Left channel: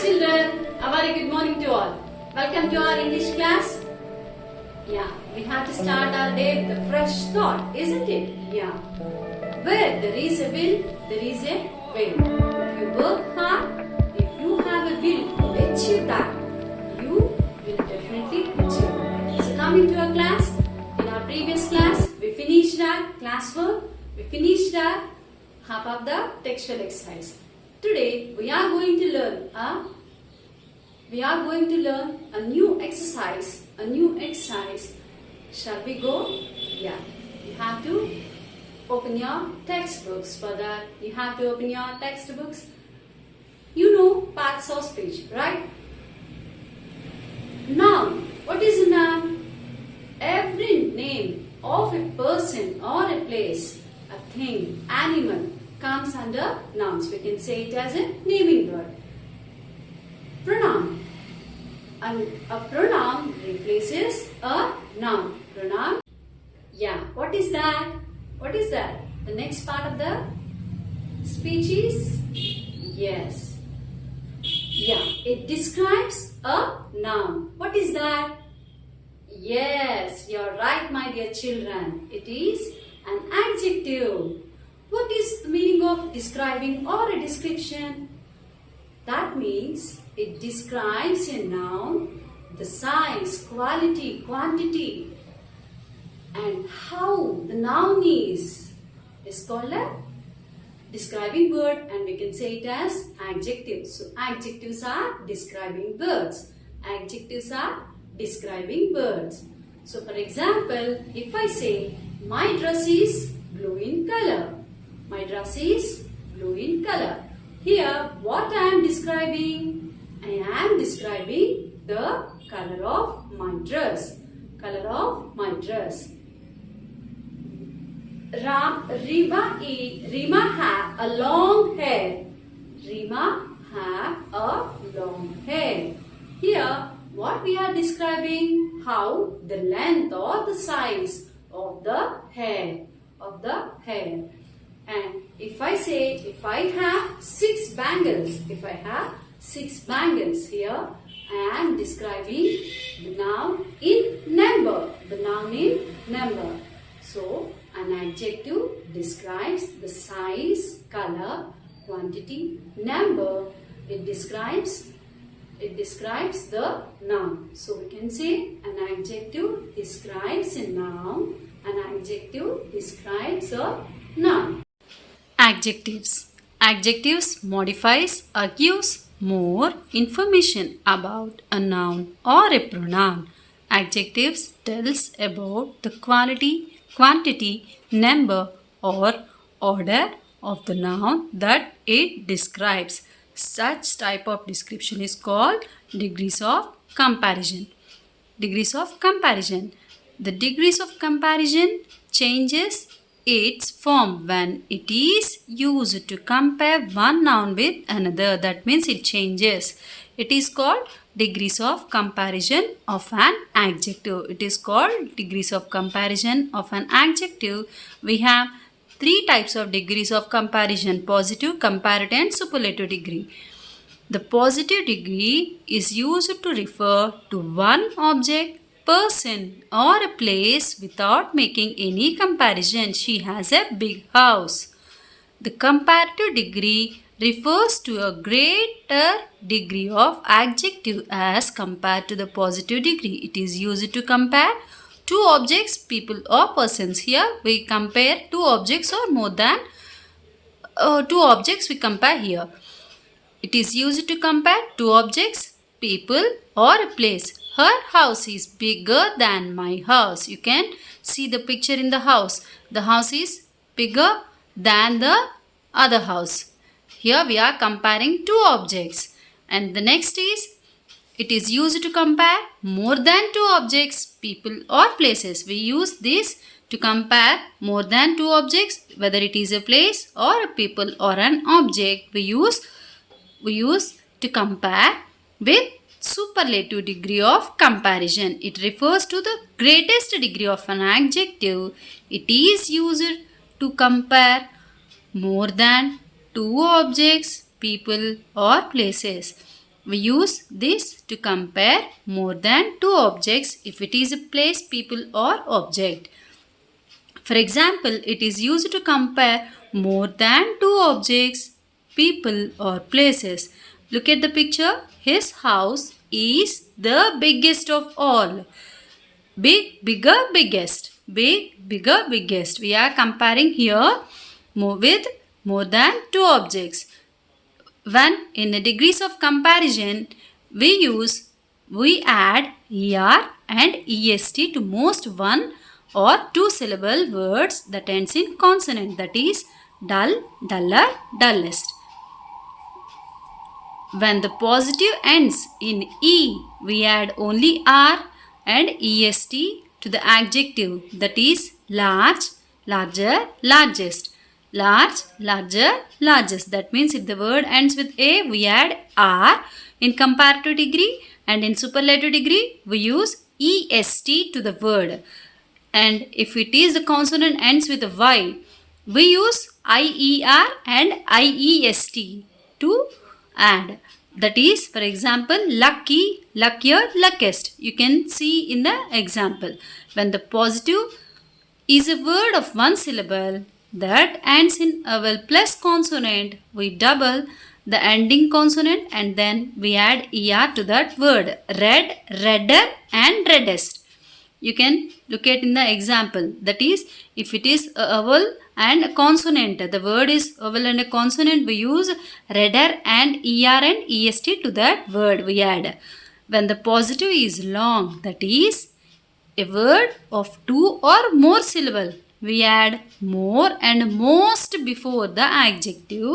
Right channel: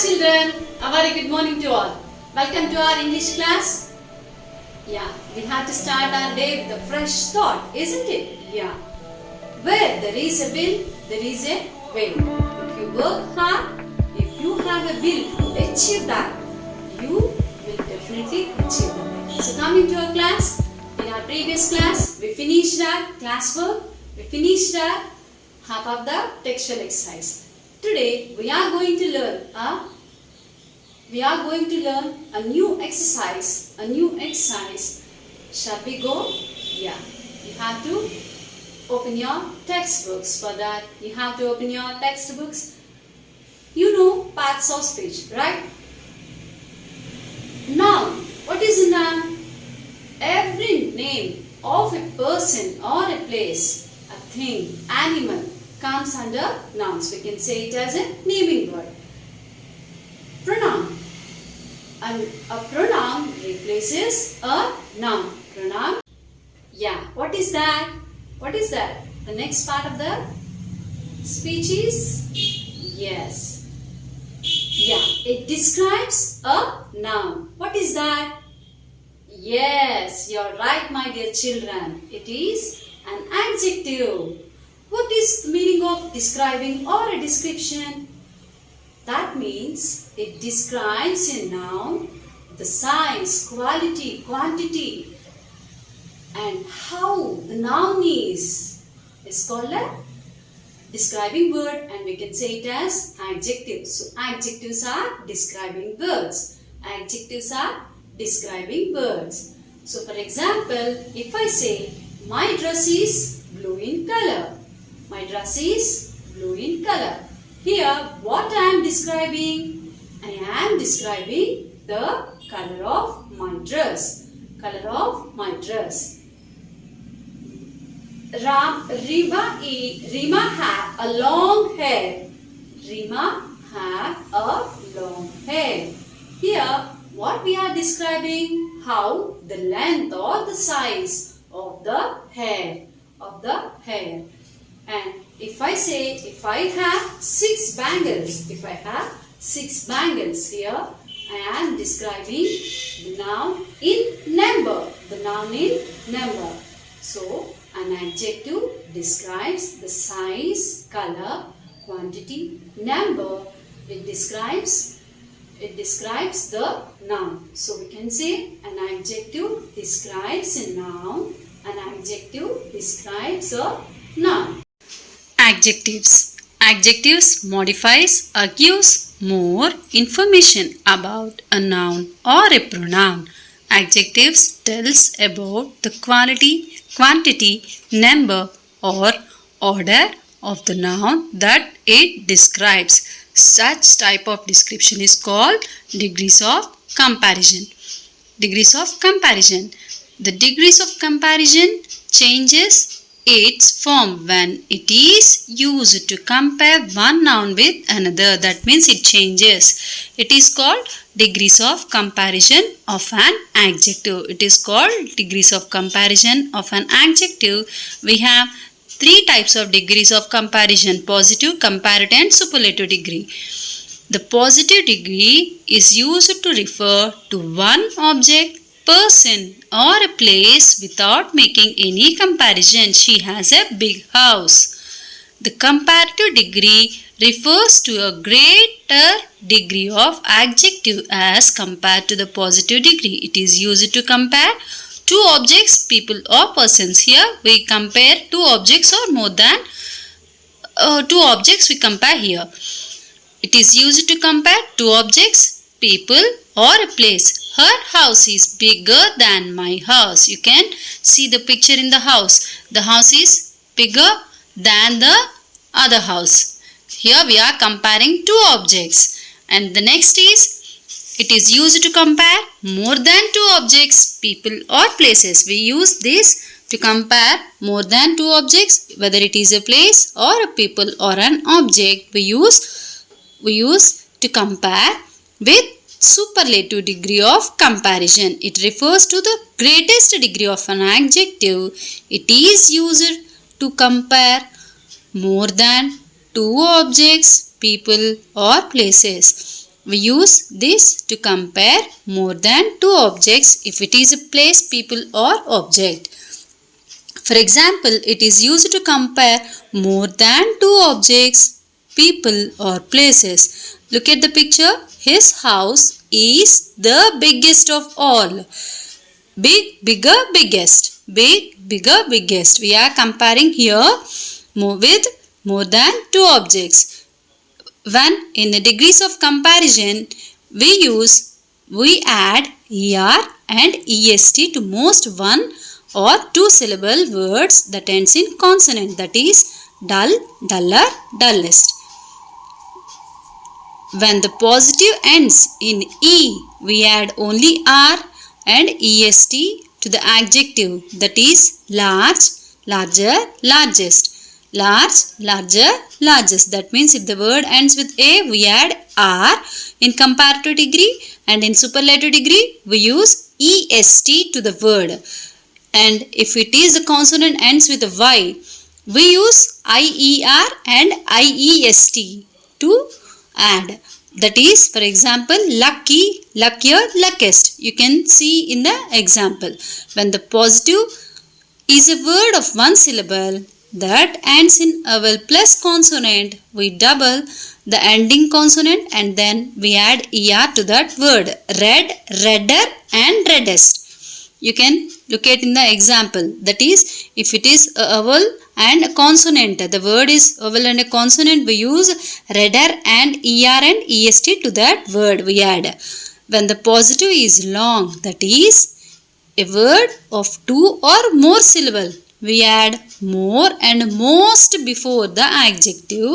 children, a very good morning to all. Welcome to our English class. Yeah, we have to start our day with a fresh thought, isn't it? Yeah. Where there is a will, there is a way. If you work hard, if you have a will to achieve that, you will definitely achieve it. So coming to our class, in our previous class, we finished our classwork, we finished our half of the textual exercise. Today we are going to learn a new exercise. Shall we go? Yeah. You have to open your textbooks. For that, you have to open your textbooks. You know parts of speech, right? Noun. What is a noun? Every name of a person or a place, a thing, animal comes under nouns. We can say it as a naming word. Pronoun. And a pronoun replaces a noun. Pronoun. Yeah. What is that? What is that? The next part of the speech is? Yes. Yeah. It describes a noun. What is that? Yes. You're right, my dear children. It is an adjective. What is the meaning of describing or a description? That means it describes a noun, the size, quality, quantity, and how the noun is called a describing word, and we can say it as adjectives. So adjectives are describing words. Adjectives are describing words. So for example, if I say my dress is blue in color. My dress is blue in color. Here, what I am describing? I am describing the color of my dress. Color of my dress. Rima have a long hair. Rima have a long hair. Here, what we are describing? How the length or the size of the hair. And if I say, if I have 6 bangles, here, I am describing the noun in number. So, an adjective describes the size, color, quantity, number. It describes the noun. So, we can say an adjective describes a noun. An adjective describes a noun. Adjectives. Adjectives modifies or gives more information about a noun or a pronoun. Adjectives tells about the quality, quantity, number or order of the noun that it describes. Such type of description is called degrees of comparison. Degrees of comparison. The degrees of comparison changes its form when it is used to compare one noun with another. That means it changes. It is called degrees of comparison of an adjective. It is called degrees of comparison of an adjective. We have 3 types of degrees of comparison: positive, comparative and superlative degree. The positive degree is used to refer to one object, person or a place without making any comparison. She has a big house. The comparative degree refers to a greater degree of adjective as compared to the positive degree. It is used to compare 2 objects, people or persons. Here we compare 2 objects or more than 2 objects we compare here. It is used to compare 2 objects, people or a place. Her house is bigger than my house. You can see the picture in the house. The house is bigger than the other house. Here we are comparing 2 objects. And the next is, it is used to compare more than 2 objects, people or places. We use this to compare more than 2 objects, whether it is a place or a people or an object. We use to compare with superlative degree of comparison. It refers to the greatest degree of an adjective. It is used to compare more than 2 objects, people or places. We use this to compare more than two objects if it is a place, people or object. For example, it is used to compare more than two objects, people or places. Look at the picture. His house is the biggest of all. Big, bigger, biggest. Big, bigger, biggest. We are comparing here with more than two objects. When in the degrees of comparison, we add er and est to most one or two syllable words that ends in consonant, that is dull, duller, dullest. When the positive ends in e, we add only r and est to the adjective, that is large, larger, largest. Large, larger, largest. That means if the word ends with a, we add r in comparative degree, and in superlative degree we use est to the word. And if it is the consonant ends with a y, we use ier and iest to add. That is, for example, lucky, luckier, luckiest. You can see in the example. When the positive is a word of one syllable that ends in a vowel plus consonant, we double the ending consonant and then we add er to that word. Red, redder and reddest. You can look at in the example. That is, if it is a vowel and a consonant, the word is vowel and a consonant, we use redder and er and est to that word we add. When the positive is long, that is a word of two or more syllable, we add more and most before the adjective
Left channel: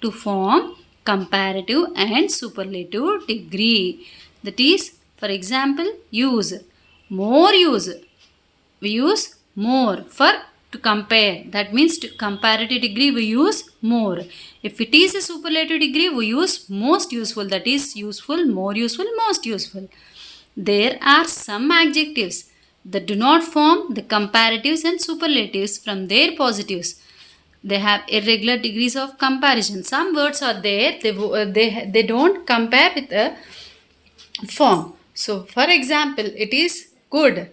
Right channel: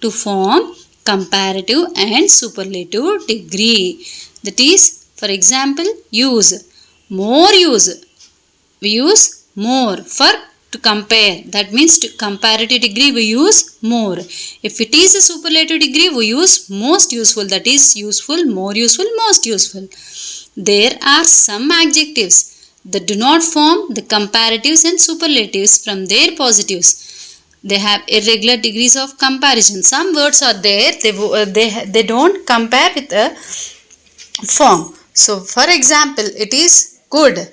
to form comparative and superlative degree. That is, for example, use. More use. We use more for to compare. That means to comparative degree we use more. If it is a superlative degree, we use most useful. That is useful, more useful, most useful. There are some adjectives that do not form the comparatives and superlatives from their positives. They have irregular degrees of comparison. Some words are there, they don't compare with a form. So, for example, it is good,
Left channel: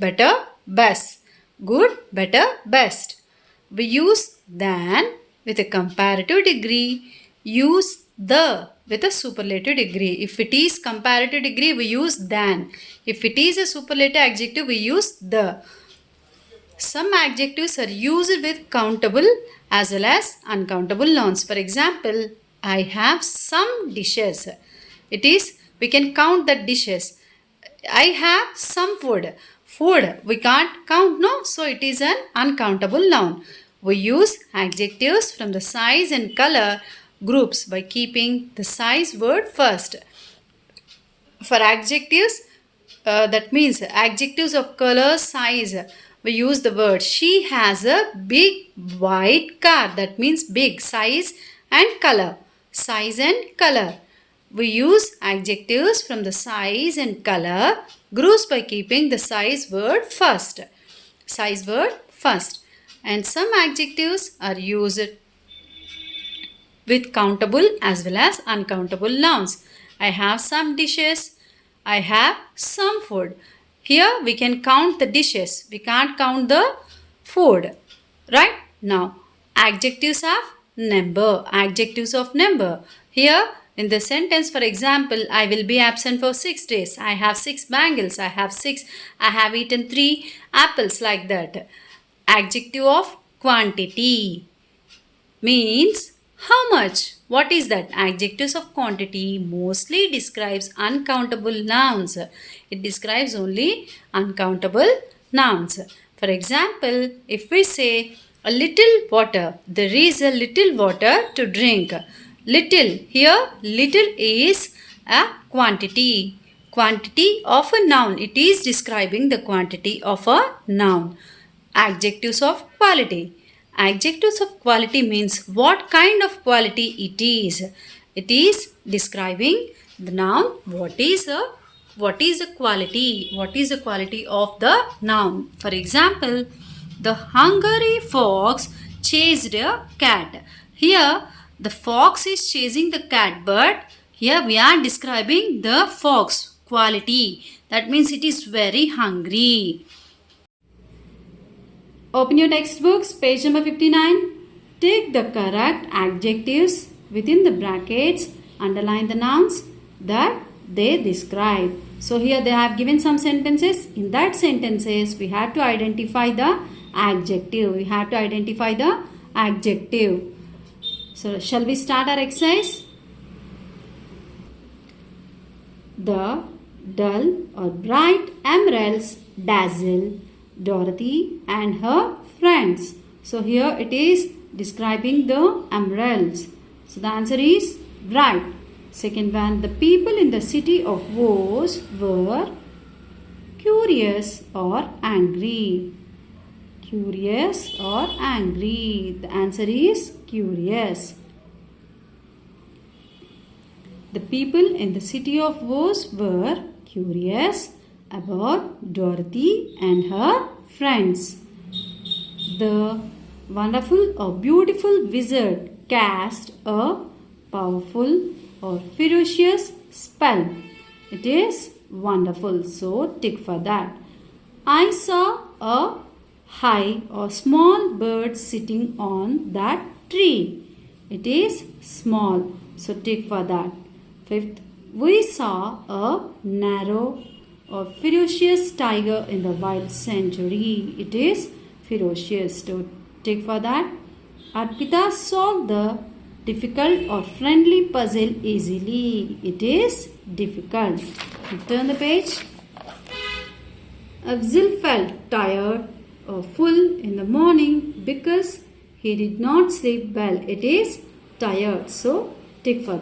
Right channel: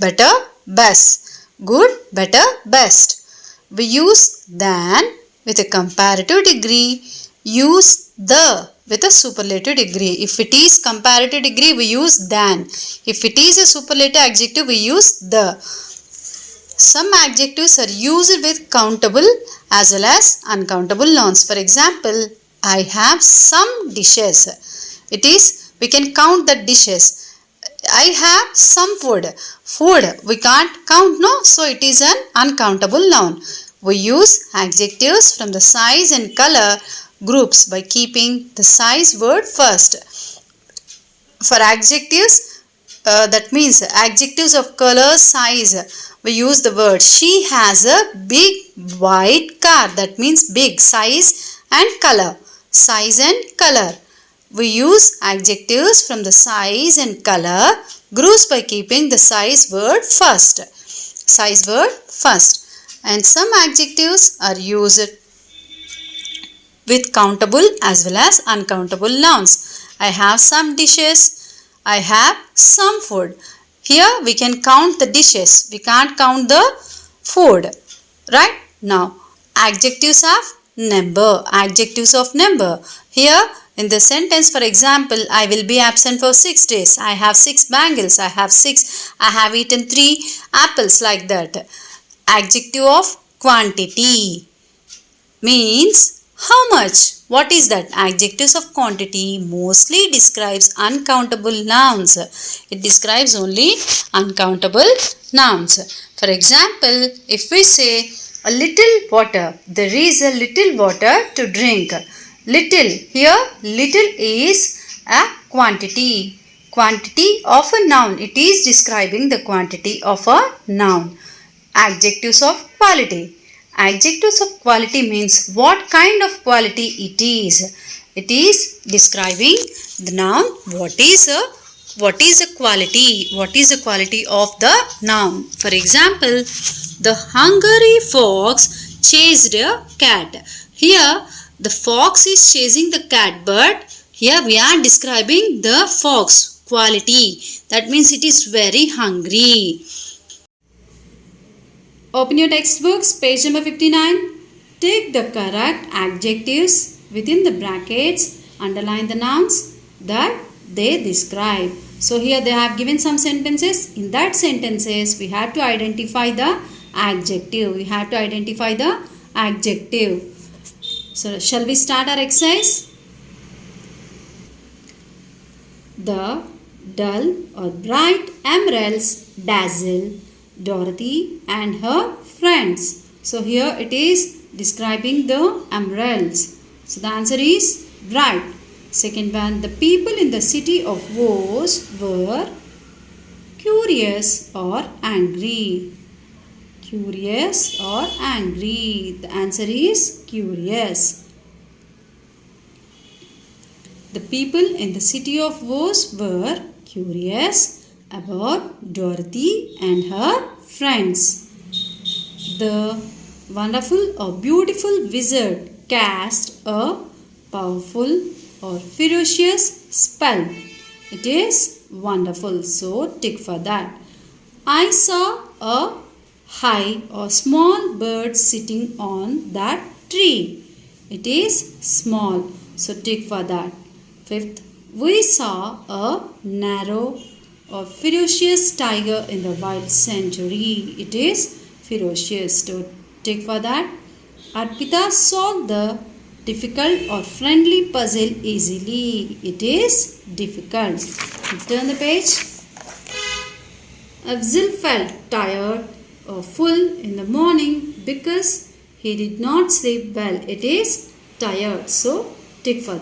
better, best. Good, better, best. We use than with a comparative degree, use the with a superlative degree. If it is comparative degree, we use than. If it is a superlative adjective, we use the. Some adjectives are used with countable as well as uncountable nouns. For example, I have some dishes. It is, we can count the dishes. I have some food. Food, we can't count, no? So, it is an uncountable noun. We use adjectives from the size and color groups by keeping the size word first. For adjectives, that means adjectives of color, size, we use the word she has a big white car. That means big, size and color. Size and color. We use adjectives from the size and color groups by keeping the size word first. Size word first. And some adjectives are used with countable as well as uncountable nouns. I have some dishes. I have some food. Here we can count the dishes. We can't count the food. Right? Now, adjectives of number. Adjectives of number. Here, in the sentence, for example, I will be absent for 6 days. I have 6 bangles. I have eaten 3 apples, like that. Adjective of quantity means how much? What is that? Adjectives of quantity mostly describes uncountable nouns. It describes only uncountable nouns. For example, if we say a little water, there is a little water to drink. Little, here little is a quantity. Quantity of a noun. It is describing the quantity of a noun. Adjectives of quality. Adjectives of quality means what kind of quality it is. It is describing the noun. What is a quality? What is the quality of the noun? For example, the hungry fox chased a cat. Here, the fox is chasing the cat, but Here we are describing the fox quality. That means it is very hungry. Open your textbooks, page number 59. Take the correct adjectives within the brackets. Underline the nouns that they describe. So here they have given some sentences. In that sentences, we have to identify the adjective. We have to identify the adjective. So shall we start our exercise? The dull or bright emeralds dazzle Dorothy and her friends. So here it is describing the emeralds. So the answer is bright. Second one, the people in the city of Woes were curious or angry. Curious or angry. The answer is curious. The people in the city of Woes were curious about Dorothy and her friends. The wonderful or beautiful wizard cast a powerful or ferocious spell. It is wonderful, so tick for that. I saw a high or small bird sitting on that tree. It is small, so tick for that. Fifth, we saw a narrow or ferocious tiger in the wild sanctuary. It is ferocious, so tick for that. Arpita solved the difficult or friendly puzzle easily. It is difficult. Turn the page. Afzal felt tired or full in the morning because he did not sleep well. It is tired, so tick for that.